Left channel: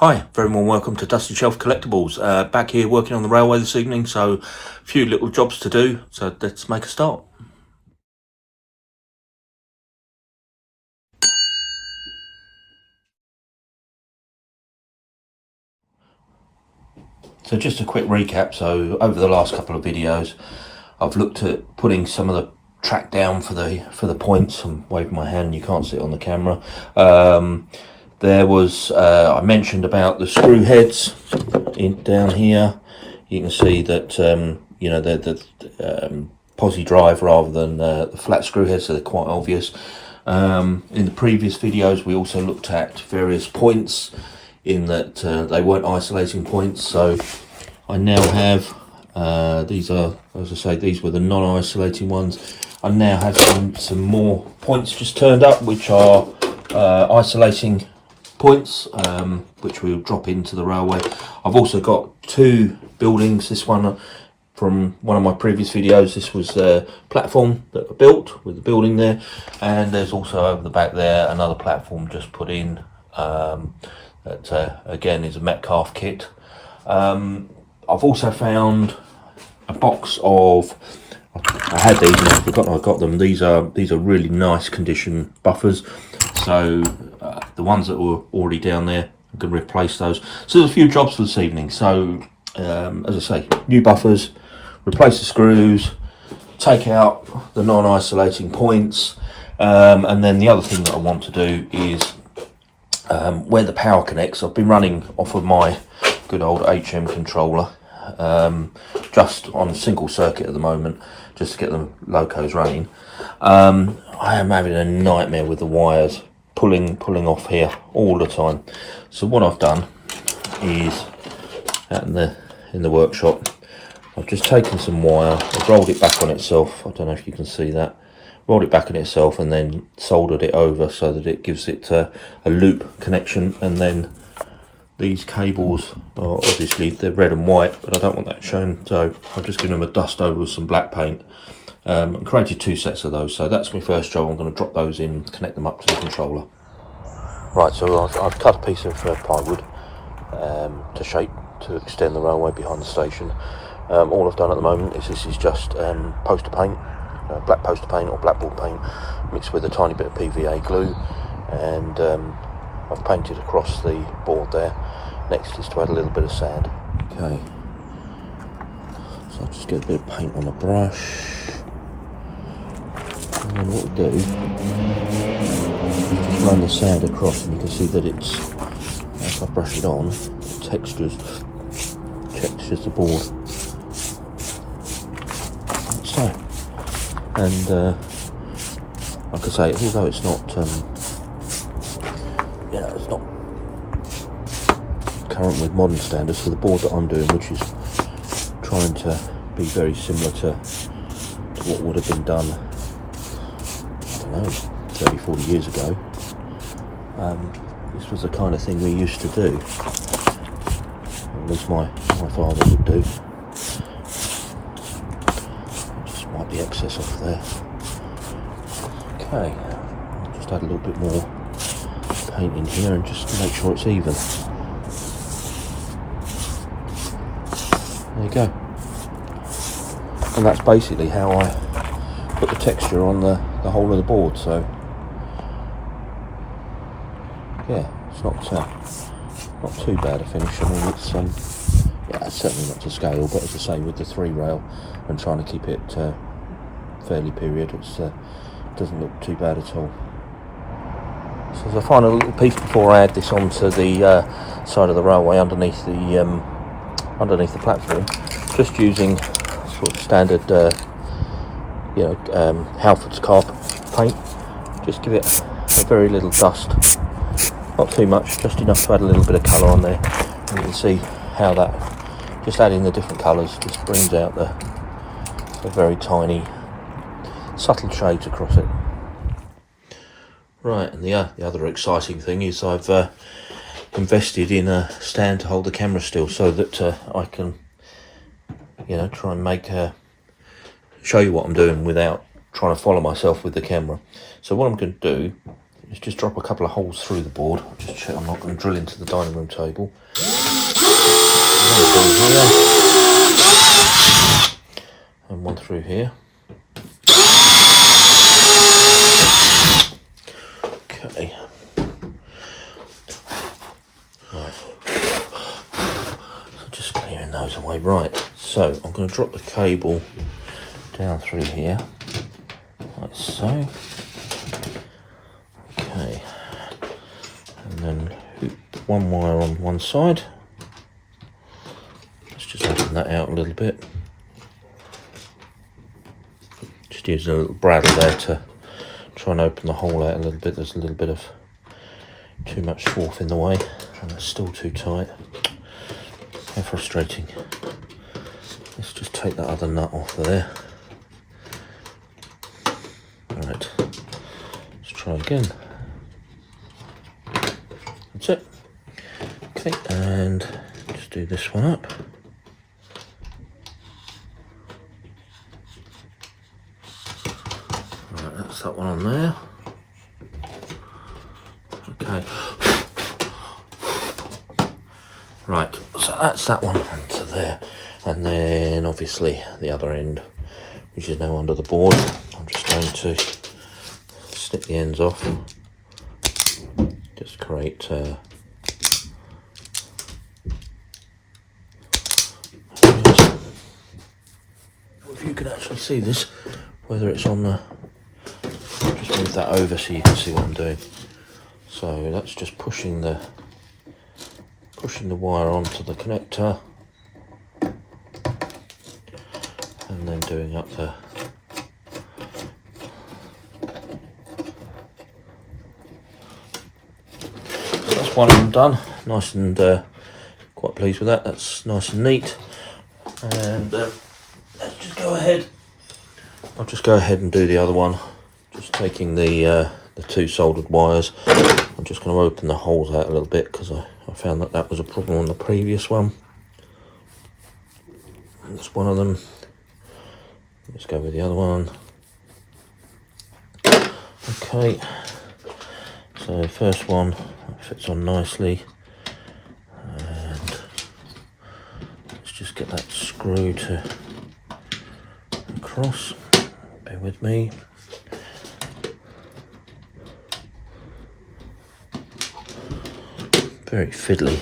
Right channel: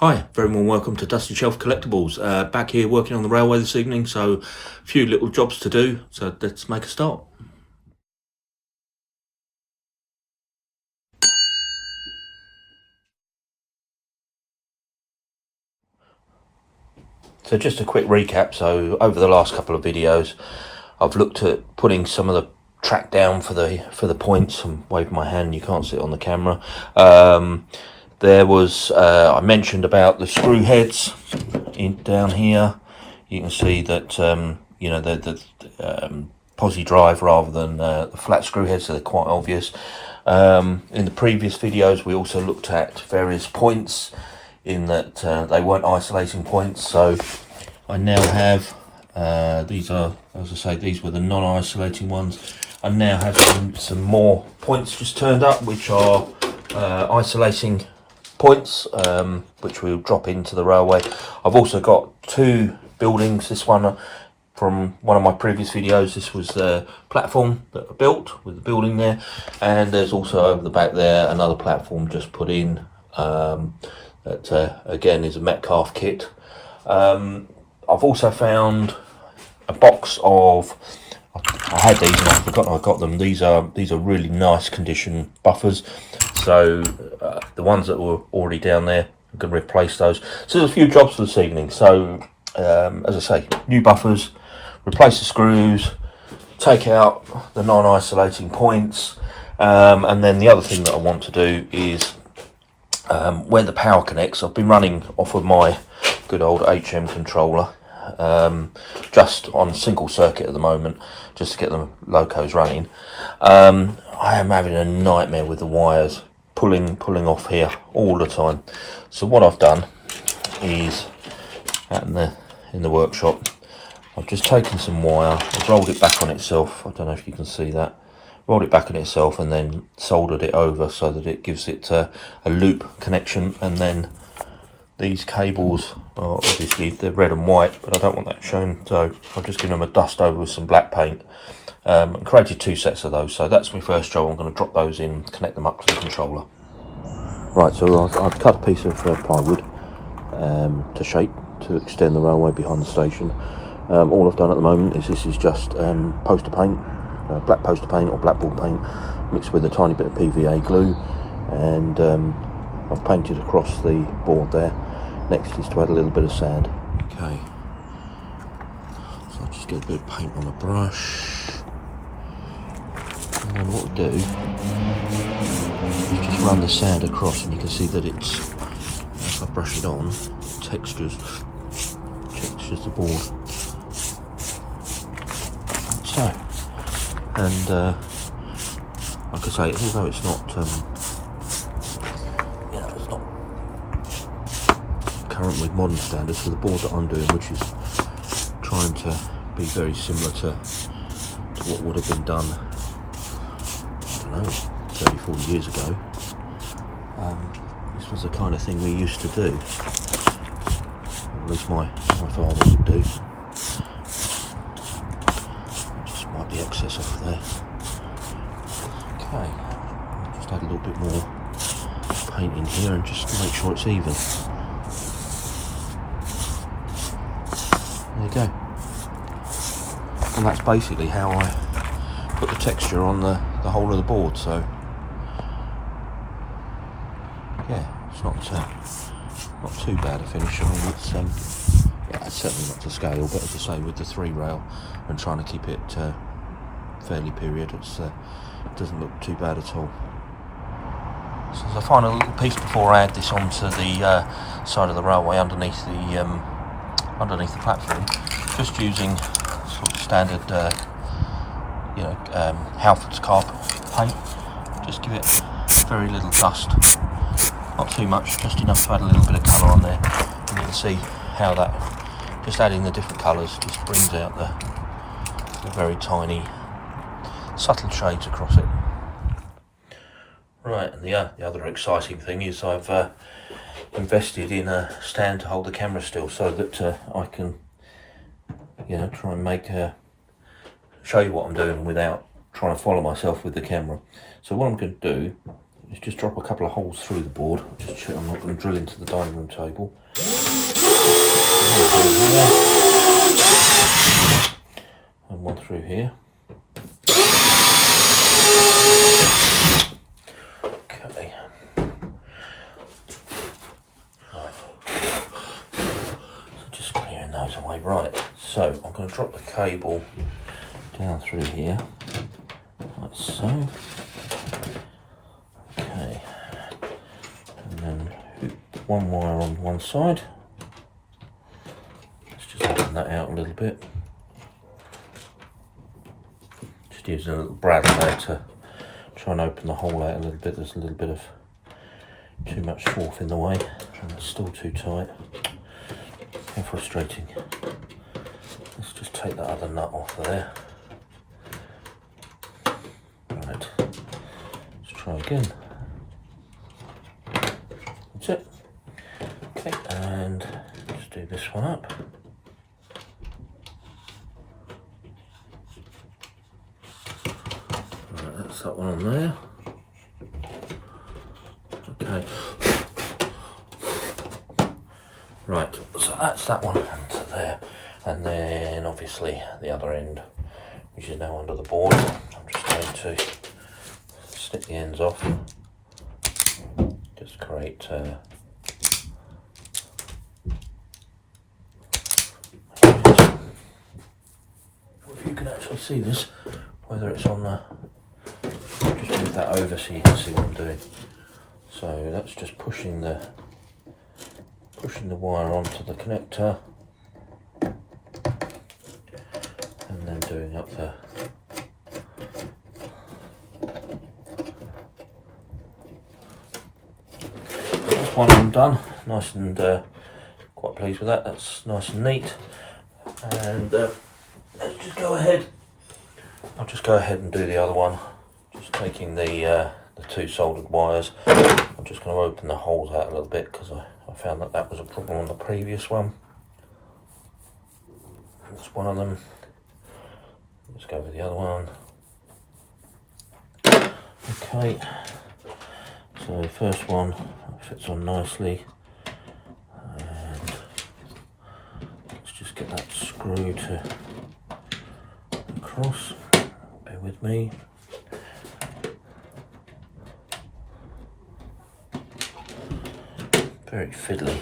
Hi, very warm welcome to Dusty Shelf Collectibles. Back here working on the railway this evening, so a few little jobs to do, so let's make a start. So just a quick recap. So over the last couple of videos, I've looked at putting some of the track down for the points. And wave my hand, you can't see it on the camera. There was I mentioned about the screw heads down here. You can see that you know the posi drive rather than the flat screw heads, so they're quite obvious. In the previous videos, we also looked at various points in that they weren't isolating points. So I now have these are, as I say, these were the non-isolating ones. I now have some more points just turned up, which are isolating points, which we'll drop into the railway. I've also got two buildings. This one from one of my previous videos, this was a platform that I built with the building there, and there's also over the back there another platform just put in that again is a Metcalf kit. I've also found a box of, I had these and I forgot I got them. These are really nice condition buffers. So the ones that were already down there, I'm going to replace those. So there's a few jobs for this evening. So as I say, new buffers, replace the screws, take out the non-isolating points, and then the other thing that I want to do is where the power connects. I've been running off of my good old HM controller, just on single circuit at the moment, just to get the locos running. I am having a nightmare with the wires pulling off here all the time. So what I've done is in the workshop, I've just taken some wire, I've rolled it back on itself. I don't know if you can see that. Rolled it back on itself and then soldered it over so that it gives it a loop connection. And then these cables are obviously, they're red and white, but I don't want that shown, so I'll just give them a dust over with some black paint. And created two sets of those, so that's my first job. I'm going to drop those in, connect them up to the controller. Right, so I've cut a piece of plywood to shape to extend the railway behind the station. All I've done at the moment is this is just poster paint, black poster paint or blackboard paint mixed with a tiny bit of PVA glue, and I've painted across the board there. Next is to add a little bit of sand. Okay, so I'll just get a bit of paint on a brush. And then what we'll do is just run the sand across, and you can see that it's, as I brush it on, it textures the board. So, and like I say, although it's not, you know, it's not current with modern standards, for the board that I'm doing, which is trying to be very similar to what would have been done, I don't know, 30, 40 years ago. This was the kind of thing we used to do, at least my father would do. Just wipe the excess off there. Okay, just add a little bit more paint in here and just make sure it's even. There you go. And that's basically how I put the texture on the whole of the board. So yeah, it's not too bad a finish. I mean, it's yeah, it's certainly not to scale, but as I say, with the 3-rail and trying to keep it fairly period, it doesn't look too bad at all. So as a final little piece before I add this onto the side of the railway underneath the platform, just using sort of standard Halfords carpet paint. Just give it a very little dust, not too much, just enough to add a little bit of colour on there. And you can see how that, just adding the different colours, just brings out the very tiny subtle shades across it. Right, and the other exciting thing is I've invested in a stand to hold the camera still, so that I can, you know, try and show you what I'm doing without trying to follow myself with the camera. So what I'm going to do is just drop a couple of holes through the board. Just check I'm not going to drill into the dining room table. And one through here. Okay. Right. So just clearing those away. Right. So I'm going to drop the cable down through here, like so. Okay. And then hoop one wire on one side. Let's just open that out a little bit. Just using a little brad there to try and open the hole out a little bit. There's a little bit of too much swarf in the way, and it's still too tight. How frustrating. Let's just take that other nut off there. Right, let's try again. That's it. Okay, and just do this one up. Right, that's that one on there. Okay. Right, so that's that one onto there. And then obviously the other end, which is now under the board. I'm just going to snip the ends off. Just create if you can actually see this, whether it's on the, just move that over so you can see what I'm doing. So that's just pushing the wire onto the connector, and then doing up the that's one of them done. Nice and quite pleased with that. That's nice and neat. And let's just go ahead. I'll just go ahead and do the other one. Just taking the two soldered wires. I'm just going to open the holes out a little bit because I found that was a problem on the previous one. That's one of them. Let's go with the other one. Okay, so the first one fits on nicely, and let's just get that screw to across. Bear with me. Very fiddly.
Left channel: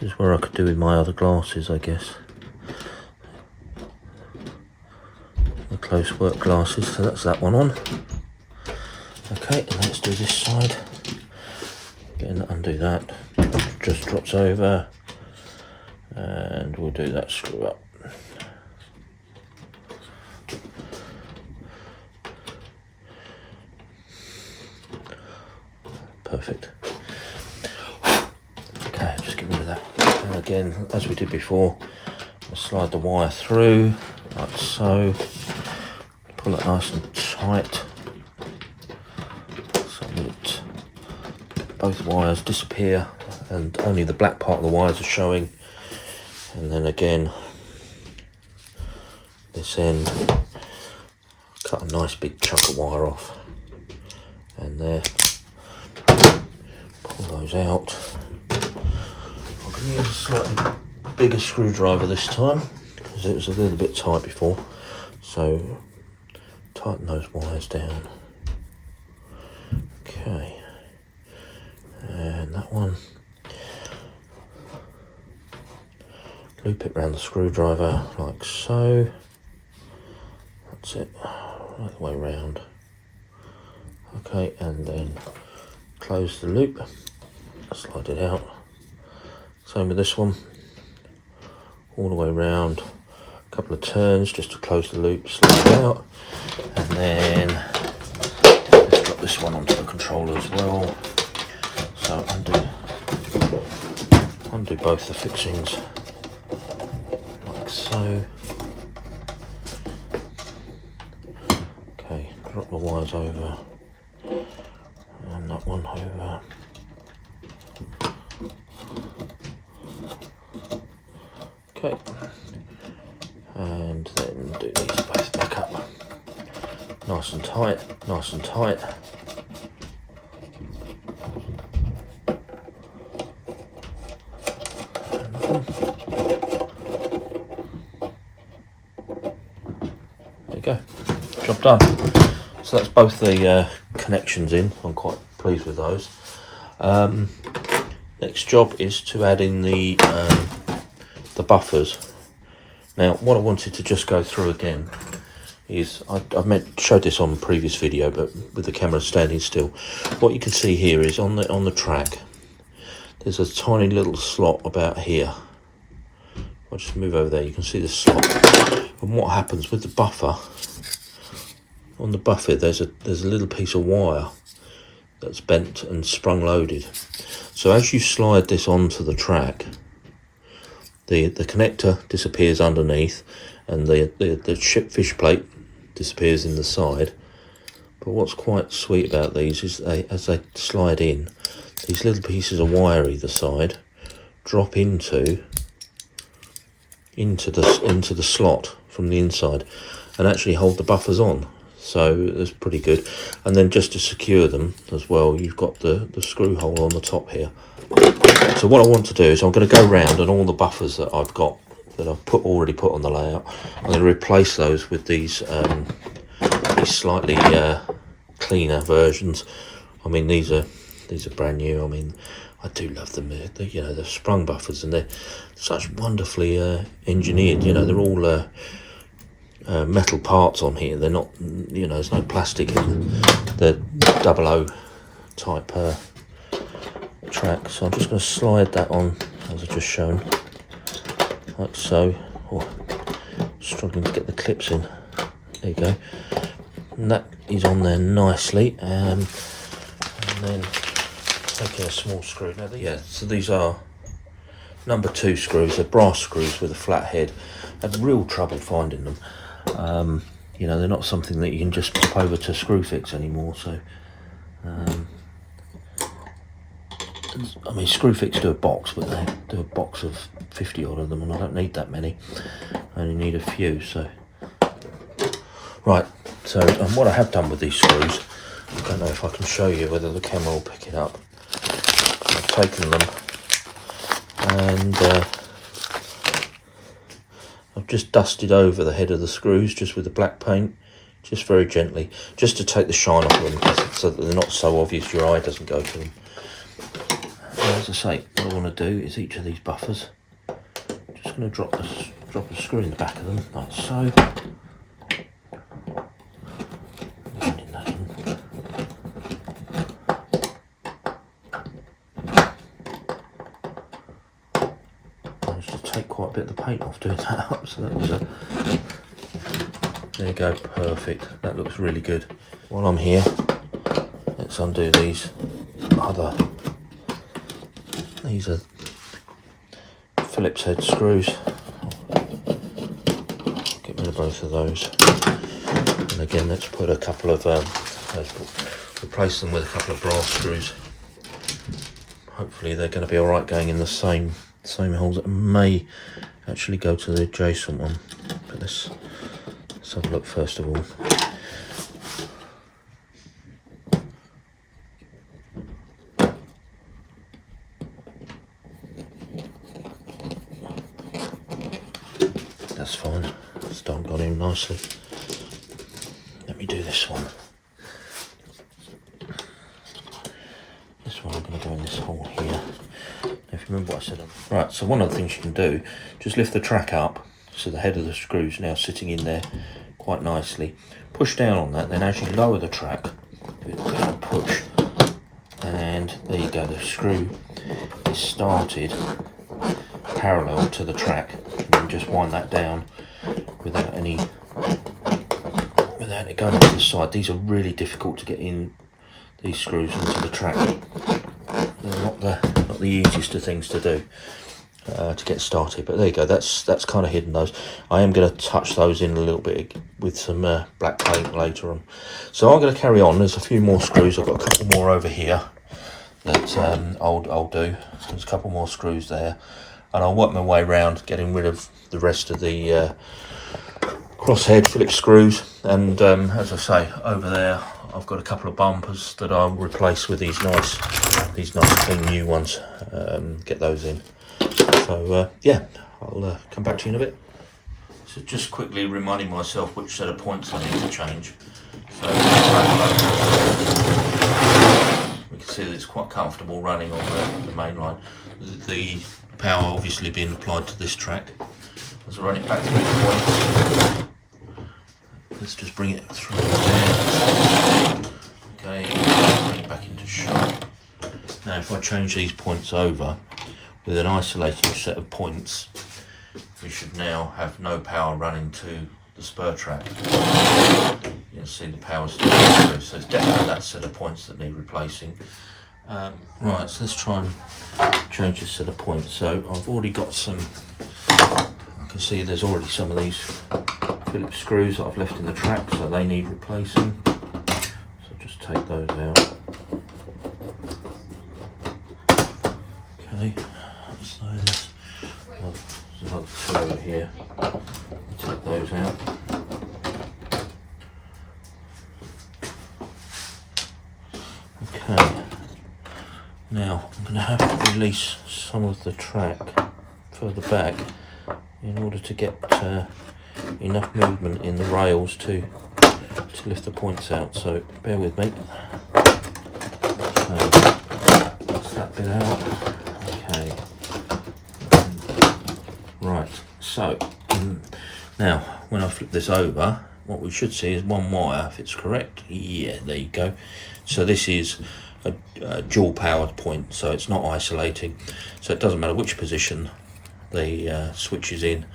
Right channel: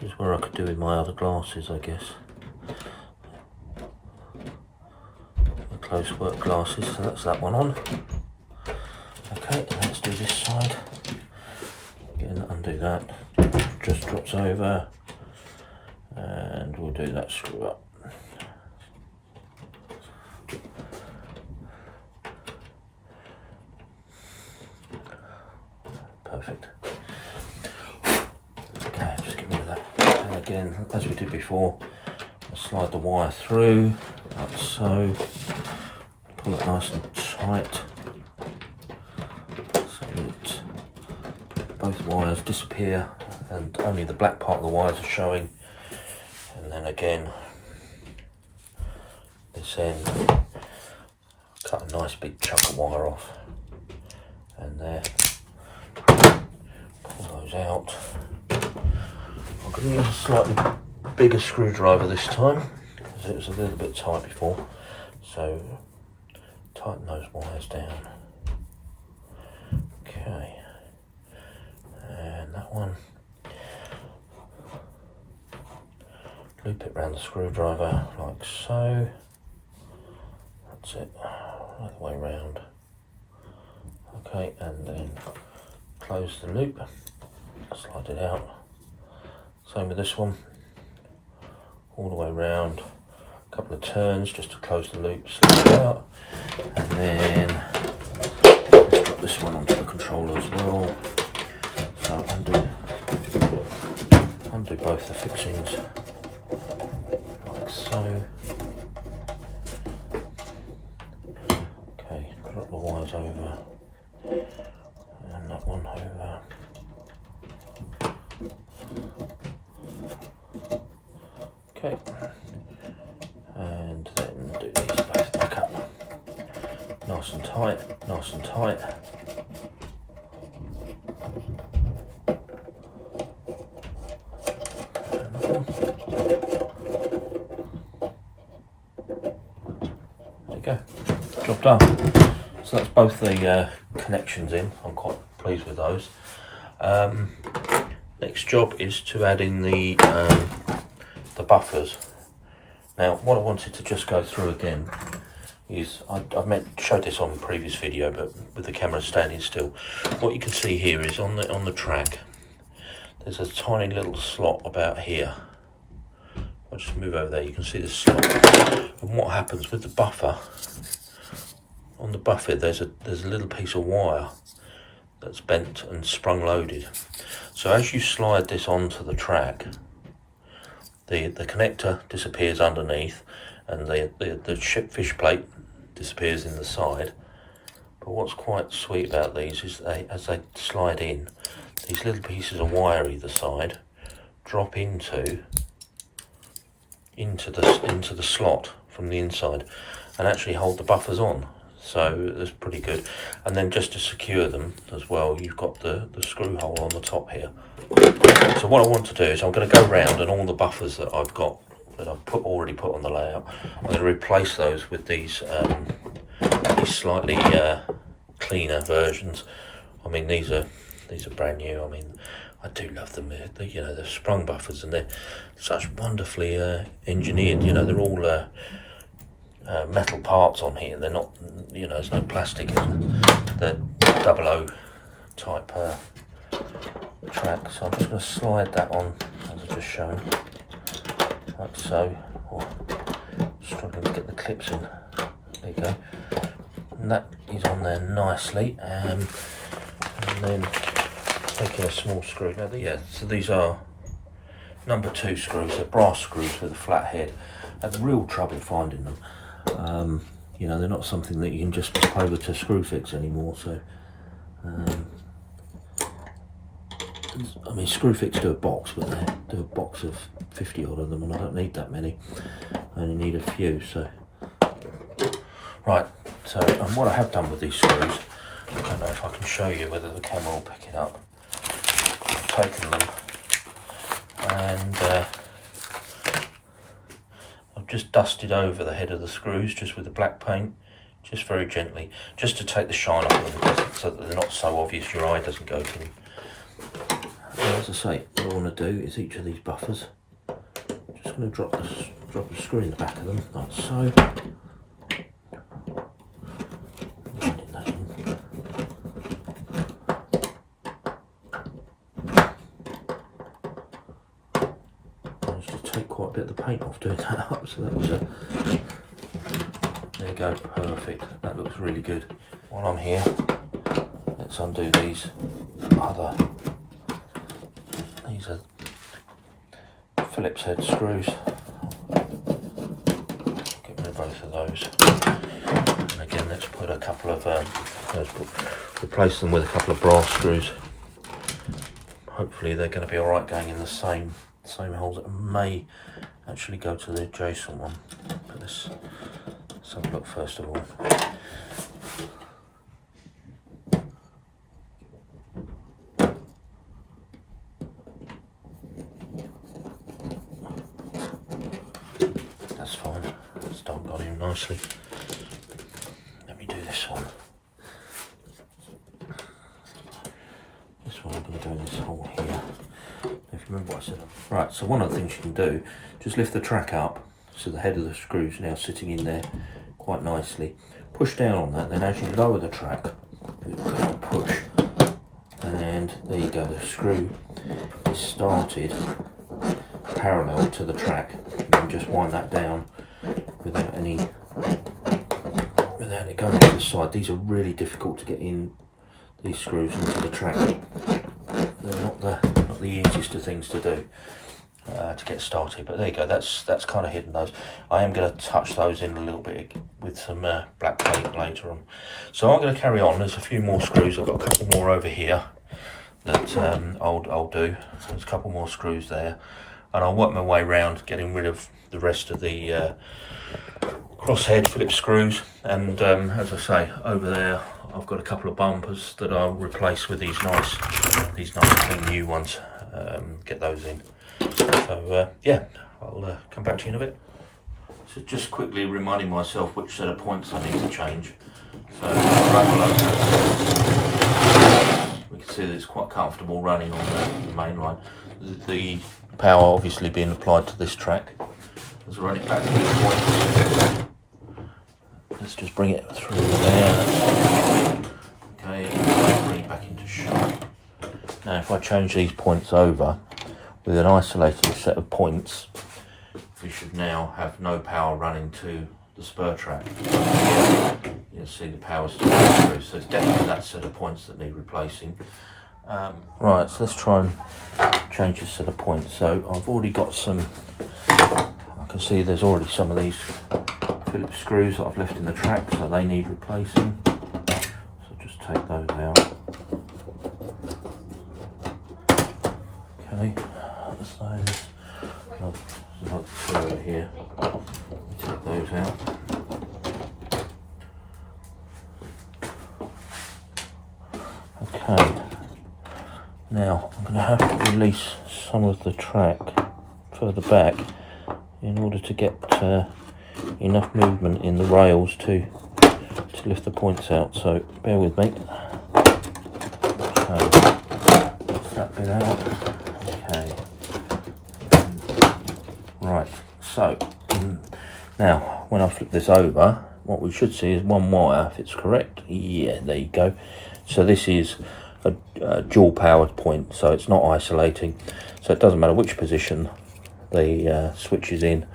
This is where I could do with my other glasses, I guess. The close work glasses, so that's that one on. Okay, and let's do this side. Again, undo that. Just drops over, and we'll do that screw up. Perfect. Okay, just get rid of that. And again, as we did before, I'll slide the wire through, like so. Pull it nice and tight, so that both wires disappear and only the black part of the wires are showing. And then again, this end, cut a nice big chunk of wire off, and there. Pull those out. I'm going to use a slightly bigger screwdriver this time because it was a little bit tight before. So tighten those wires down. Okay, and that one. Loop it around the screwdriver like so. That's it, right the way around. Okay, and then close the loop, slide it out. Same with this one, all the way around, a couple of turns just to close the loop, slide it out, and then let's drop this one onto the controller as well. So undo both the fixings, like so. Okay, drop the wires over. And that one over. Okay, and then do these both back up, nice and tight, nice and tight. There you go, job done. So that's both the connections in. I'm quite pleased with those. Next job is to add in the buffers. Now, what I wanted to just go through again is, I've showed this on the previous video, but with the camera standing still, what you can see here is on the track, there's a tiny little slot about here. I'll just move over there, you can see the slot. And what happens with the buffer, on the buffer there's a little piece of wire that's bent and sprung loaded. So as you slide this onto the track, the connector disappears underneath, and the fish plate disappears in the side. But what's quite sweet about these is as they slide in, these little pieces of wire either side drop into the slot from the inside and actually hold the buffers on. So that's pretty good. And then just to secure them as well, you've got the screw hole on the top here. So what I want to do is I'm going to go round, and all the buffers that I've got that I've already put on the layout, I'm going to replace those with these slightly cleaner versions. I mean, these are brand new. I mean, I do love them. You know, they're sprung buffers, and they're such wonderfully engineered. You know, they're all metal parts on here. They're not, you know, there's no plastic in the 00 type track. So I'm just going to slide that on as I've just shown, like so. Oh, struggling to get the clips in. There you go. And that is on there nicely. And then taking a small screw. Now so these are number 2 screws. They're brass screws with a flat head. I had real trouble finding them. You know, they're not something that you can just pop over to Screwfix anymore. So, I mean, Screwfix do a box, but they do a box of 50 odd of them, and I don't need that many. I only need a few. So, right. So, and what I have done with these screws, I don't know if I can show you whether the camera will pick it up. I've taken them and I've just dusted over the head of the screws just with the black paint, just very gently, just to take the shine off them, so that they're not so obvious your eye doesn't go to them. And as I say, what I want to do is each of these buffers, just going to drop the screw in the back of them, like so. Take quite a bit of the paint off doing that up, so that was there you go, perfect. That looks really good. While I'm here, let's undo these are Phillips head screws. Get rid of both of those, and again let's put a couple of replace them with a couple of brass screws. Hopefully they're going to be all right going in the same holes. That may actually go to the adjacent one, but let's have a look first of all. That's fine, it's done on here nicely. Let me do this one. This one I'm going to do in this hole here. If you remember what I said. Right, so one of the things you can do, just lift the track up, so the head of the screw is now sitting in there quite nicely. Push down on that, then as you lower the track, push, and there you go, the screw is started parallel to the track. And then just wind that down without it going to the side. These are really difficult to get in, these screws into the track. They're not the easiest of things to do to get started, but there you go, that's kind of hidden those. I am going to touch those in a little bit with some black paint later on. So I'm going to carry on. There's a few more screws. I've got a couple more over here that I'll do. There's a couple more screws there, and I'll work my way around getting rid of the rest of the crosshead Phillips screws, and as I say, over there I've got a couple of bumpers that I'll replace with these nice clean new ones. Get those in. So yeah, I'll come back to you in a bit. So just quickly reminding myself which set of points I need to change. So we can see that it's quite comfortable running on the main line. The power obviously being applied to this track. As I run it back to these points, let's just bring it through there. Okay, bring it back into shot. Now if I change these points over with an isolated set of points, we should now have no power running to the spur track. You'll see the power still going through, so it's definitely that set of points that need replacing. Right, so let's try and change this set of points. So I've already got some, I can see there's already some of these Phillips screws that I've left in the track, so they need replacing. So just take those out. Okay, so there's another two over here. Take those out. Okay, now I'm going to have to release some of the track further back in order to get enough movement in the rails to lift the points out, so bear with me. So that's that bit out. Okay, right, so now when I flip this over, what we should see is one wire, if it's correct. Yeah, there you go. So this is a dual powered point, so it's not isolating, so it doesn't matter which position the switch is in,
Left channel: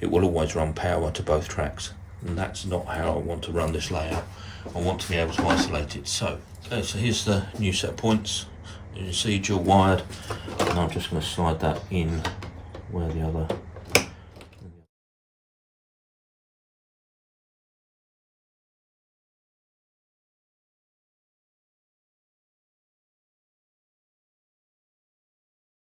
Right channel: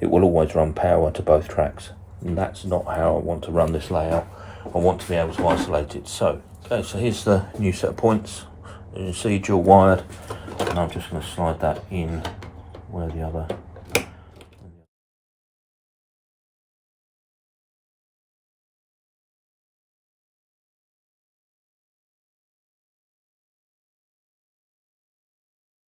it will always run power to both tracks. And that's not how I want to run this layout. I want to be able to isolate it. So okay, so here's the new set of points. You can see dual wired, and I'm just going to slide that in where the other